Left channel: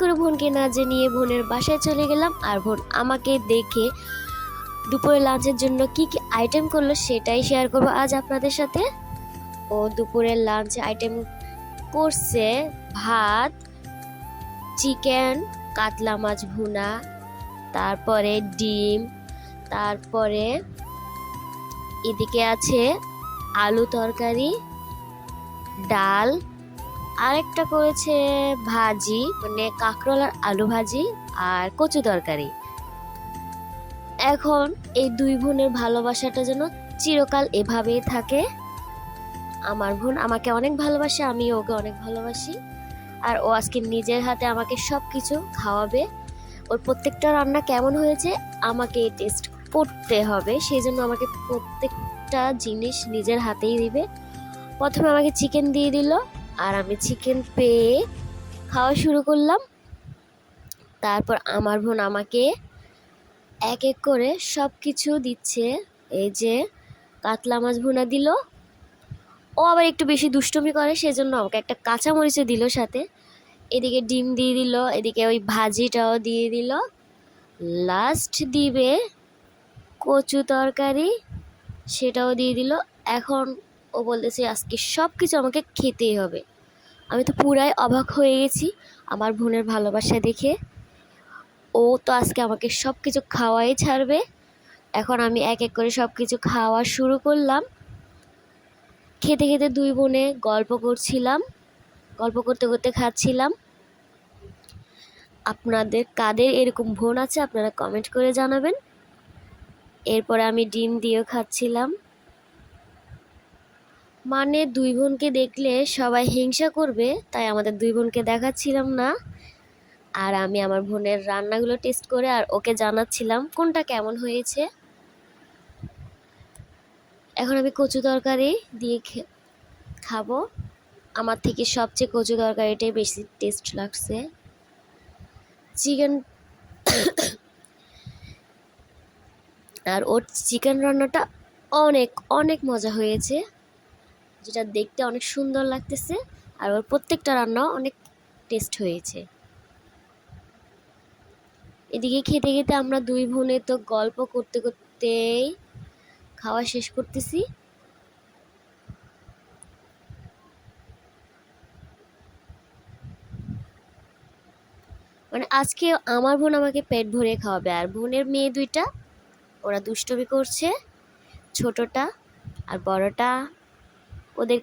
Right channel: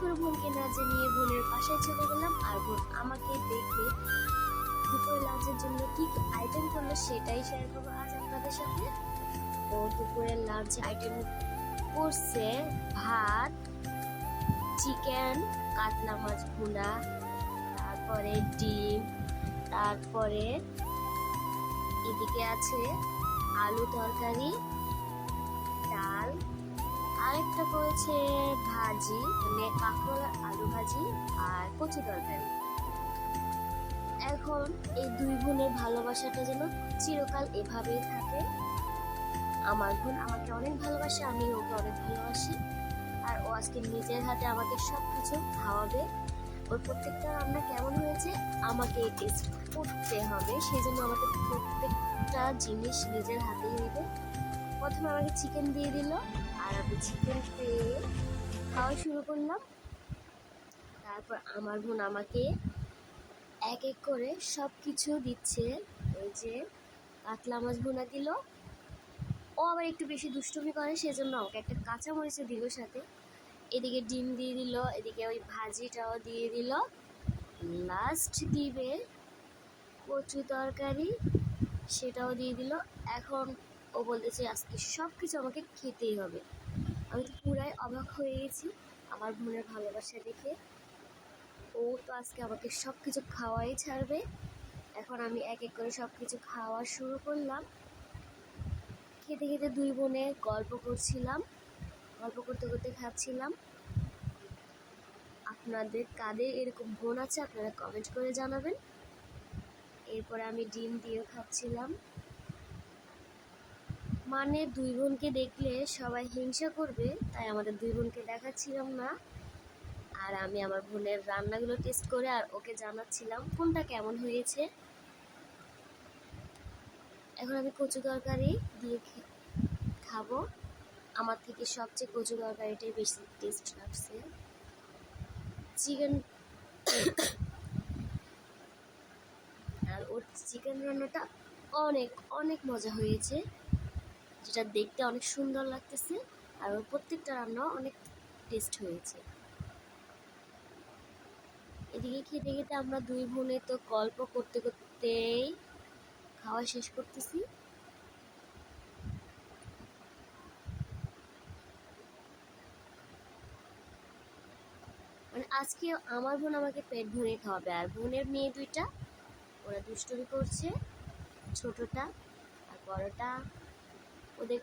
করে বোনকে না জানিয়ে বোনের বাসায় চলে গেলাম আর বোন আমাকে দেখে দুপুরে লাঞ্চের জন্য কি কি আইটেম করল সেটাই শেয়ার করব আজ আপনাদের সাথে। ও দুপুরের লাঞ্চ আইটেম করছে ভাত চিকেন কাতলা মাছ ভুনা, তারপরে ডিম, তারপরে এদিকে আছে আলু তরকারি, ডাল আরেকটা করেছে ভাজি মানে কাঁকরোল আর আলু ভাজি আর কচু তরকারি। এখন এই দুই বোনের ভালোবাসাটা যেন চিরকাল এভাবেই থাকে। আমার বোন আমাকে অনেক ভালোবাসে, আমি ওকে অনেক ভালোবাসি। আর ও আজকে নিজের হাতে আমাকে সব কিছু খাওয়াবে। ওর প্রত্যেকটা রান্না কেমন হয়েছে আমাকে টেস্ট করতে হবে, সেই জন্য আমাকে প্রত্যেকটা জিনিস নিজের হাতেই দিবে। প্রথমে আমাকে চিকেন দিয়ে দিল আর আমি চিকেন পেয়ে খাওয়া শুরু করলাম। তারপর আমার বোন আমাকে এক এক করে সব কিছু দিচ্ছে। এই যে কাতলা মাছ ভুনা দিল। ও আবার একটু বেশি দুষ্টমি করে, সেজন্য আমাকে একটা কাঁচা মরিচও দিল সাথে। এদিকে ডিম দিয়ে দিল, এদিকে ওই ভাজিটাও দিয়ে দিল। লাস্ট দিবে কচু তরকারি, সেটাও দিয়ে দিল। এখন ও বলতেছে, আজকে সব কিছু আমাকে খেতেই হবে। আমি তো পুরাই অবাক হয়ে গেছি আমার বোনের ভালোবাসা দেখে। ও তো আজকে আমাকে সব কিছু খাওয়াই ছাড়বে। এখন আমি এক এক করে সব কিছু খাওয়া শুরু করলাম। খেতে খেতে দুই বোনে গল্প করছিলাম, গল্প করতে করতে খাচ্ছিলাম। আপনাদের কাদের এরকম বোন আছে আপনারা কমেন্ট করে জানাবেন। এরপরে আমি ডিম দিয়েও খাচ্ছিলাম। মানে দুই বোনকে দেখলে সবাই হিংসা করবে, তাই আমাদের দুই বোনকে দেখাচ্ছিলাম না। আর আমি আমার বোনের রান্নাগুলো টেস্ট করে আর ওকে জানাচ্ছিলাম, কোনটা কেমন হয়েছে। এখন আমি কচু তরকারি দিয়ে খাব। আমার থেকে সবচেয়ে কচু তরকারিটাই বেশি টেস্ট লাগছে। চিকেন আর ওর চিকেন রান্নাটা অনেক অনেক মজা হয়েছে। যেটা দেখতে অনেক সুন্দর লাগতেছে আর ওর প্রত্যেকটা রান্নাও অনেক টেস্ট হয়েছে। এদিকে খেতে খেতে আমরা দুই বোনে তো গল্প করতে করতেই খাওয়া শেষ করতেছি। মানে আজকে আমার বোন আমাকে পেট ভরে খাওয়াবে আর বোনের মেয়ে দুইটা, ওরা দুষ্টমি করছে, ছোটটা আর বড়টা ওদের